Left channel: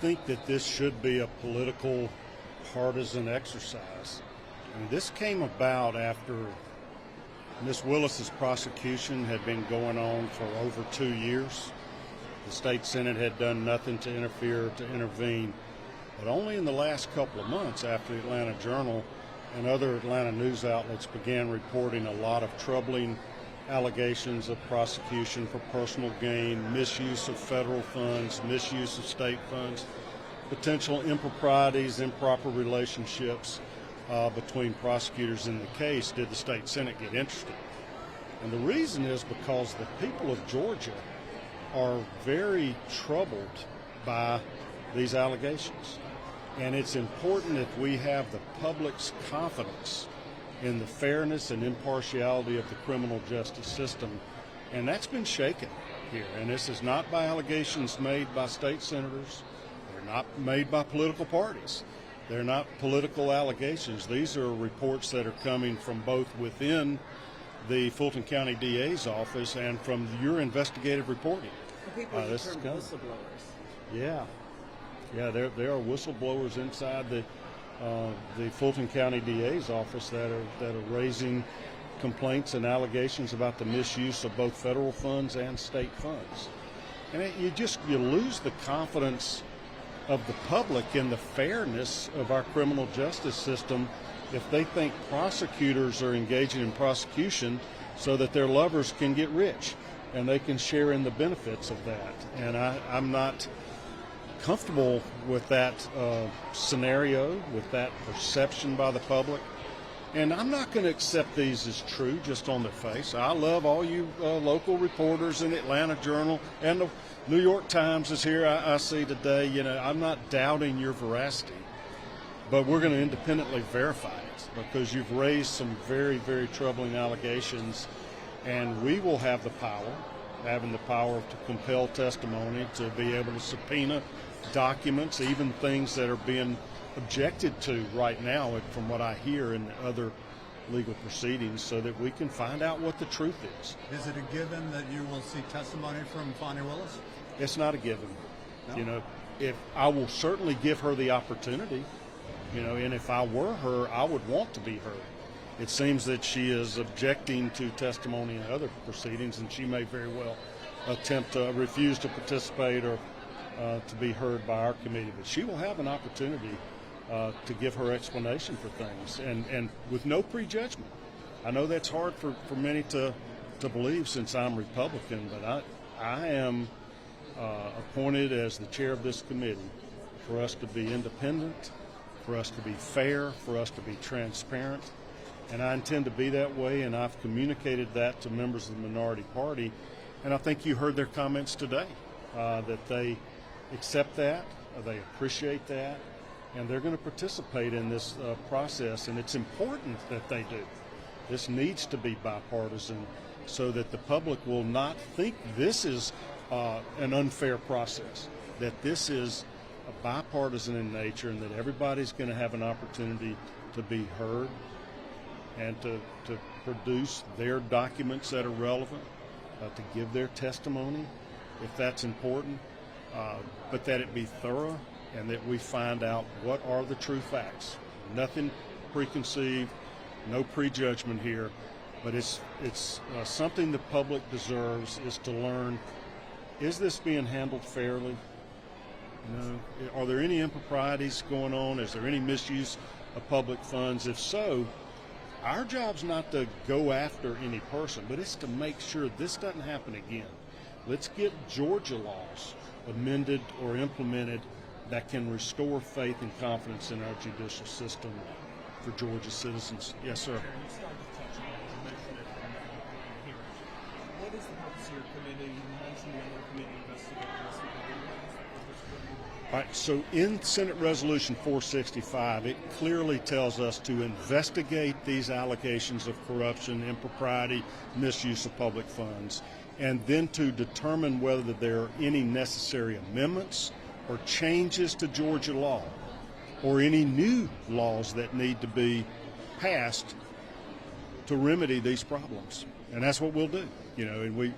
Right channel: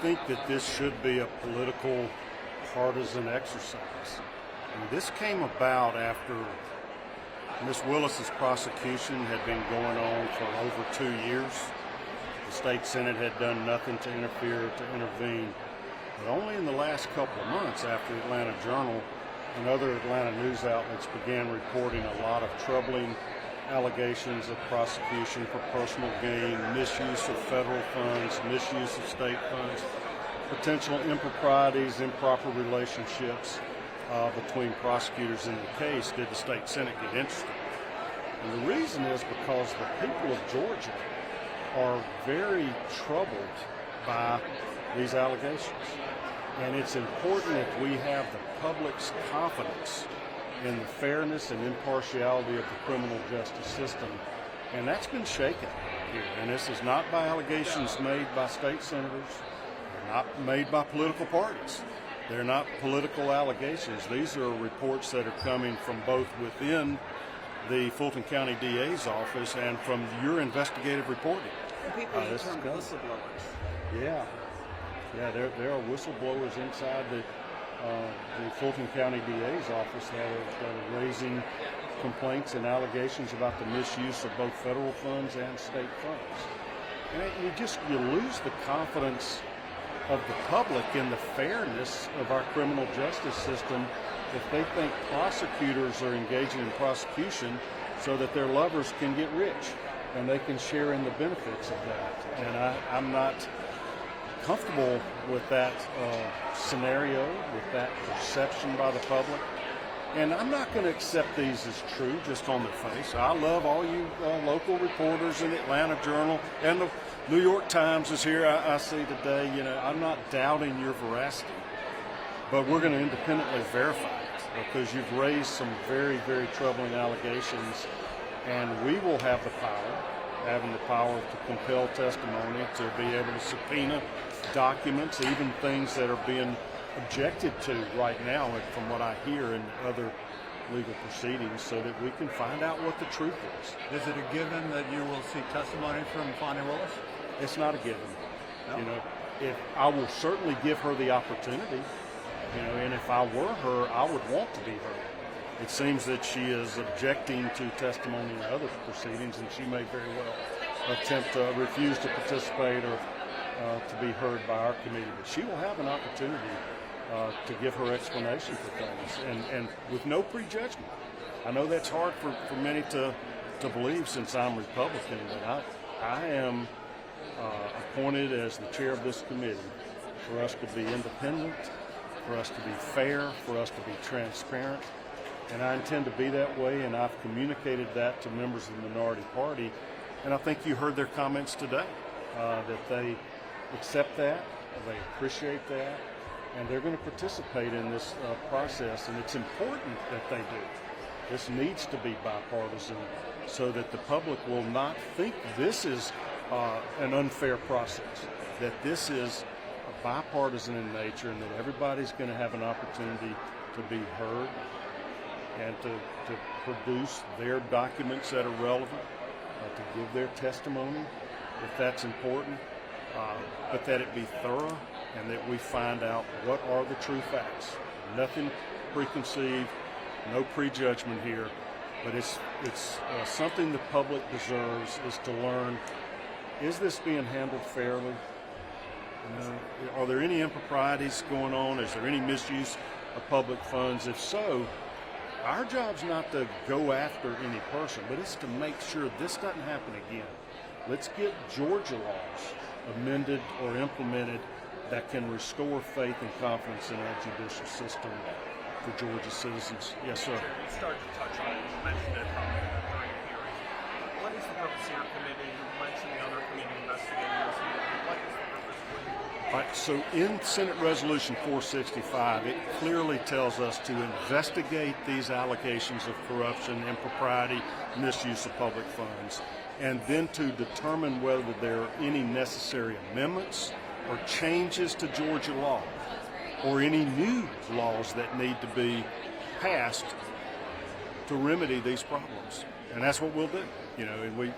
think that this should be a political, partisan exercise. And this came about after Ms. Willis's prosecution had been going on for over 2 years. The state Senate had done nothing to intervene. But only in the last couple of months, after the Atlanta Journal and other Atlanta news outlets began reporting a lot of troubling allegations of prosecution for personal gain, misuse of federal funds, misuse of state funds, potential improprieties, improper relationships between prosecutors in the case, did the state Senate get interested? And the reason is because the people of Georgia are very troubled by these allegations. And it's important that we have the public's confidence in the fairness and impartiality of the criminal justice system. And that's been shaken here. And this is not by allegations made by state senators. They're not made by political parties. They're not political allegations. These are reports that are coming from both within the Fulton County DA's office and from your investigative reporting. This is good. Yeah. Yeah, there are whistleblowers inside the Fulton County DA's office that are raising complaints and allegations about the misuse of both federal funds and state funds. And you lose the confidence of the public in the fairness of our criminal justice system if they think prosecutors are engaging in prosecution so that their lovers can get rich and they can share in the benefits of that. And I'm not comfortable with that scenario, with that perception by the public. And I'm not going to accept these as true just on their face. I love all you local reporters in the Atlanta Journal, and the New York Times is here, I see today. You know, I'm not doubting your veracity, but we're going to independently verify it because you've raised some very, very troubling allegations, and we will have the power, having the power to compel testimony, to be able to subpoena documents, even things that are being objected to right now from what I hear in other legal proceedings, so that we can find out what the truth is. Is it a given that you will see testimony from Fani Willis? It's not a given. No? You know, if I will certainly give her the opportunity, you know, and if I were her, I would want to be heard. It seems that she is objecting to testimony in other proceedings, and she may very well attempt to refuse to participate or to be heard by our committee. But she will have an opportunity to give her explanation for things, and with no prejudgment. I know that's hard for many to believe, since I'm Republican, but I am appointed as the chair of this committee for us to be independent, for us to be fair, for us to be transparent. And I intend to be that way, and I've communicated that to members of the minority party. And I think you heard their comments today, that they accept that, they appreciate that, and they're going to participate in this process. And it's important that they do. This needs to be bipartisan so that the public will not think this is an unfair process, that this is bipartisan in nature, and that everybody's going to have an opportunity to be heard and to produce their documents that are relevant, to give their testimony if that's important, but that it be thorough and that we find out what are the true facts. Nothing preconceived, no prejudgment here, but it's something the public deserves, is to learn, is this being handled fairly? Are there any improprieties going on? Is there any misuse of public funds? If so, our job's not to go after any person, but it's to make sure this doesn't happen again. Let's get Georgia laws amended or implemented that can restore faith and confidence in our judicial system for Georgia citizens. Yes, sir. You started to touch on it. You mentioned it on the hearing. What is the purpose of your committee? You mentioned the other committee investigators. What is the purpose? All right, so in Senate Resolution 465, it clearly tells us to investigate these allegations of corruption, impropriety, misuse of public funds, and then to determine whether there are any necessary amendments or changes to Georgia law, or any new laws that need to be passed to remedy these problems. And that's what we'll do. You know, and we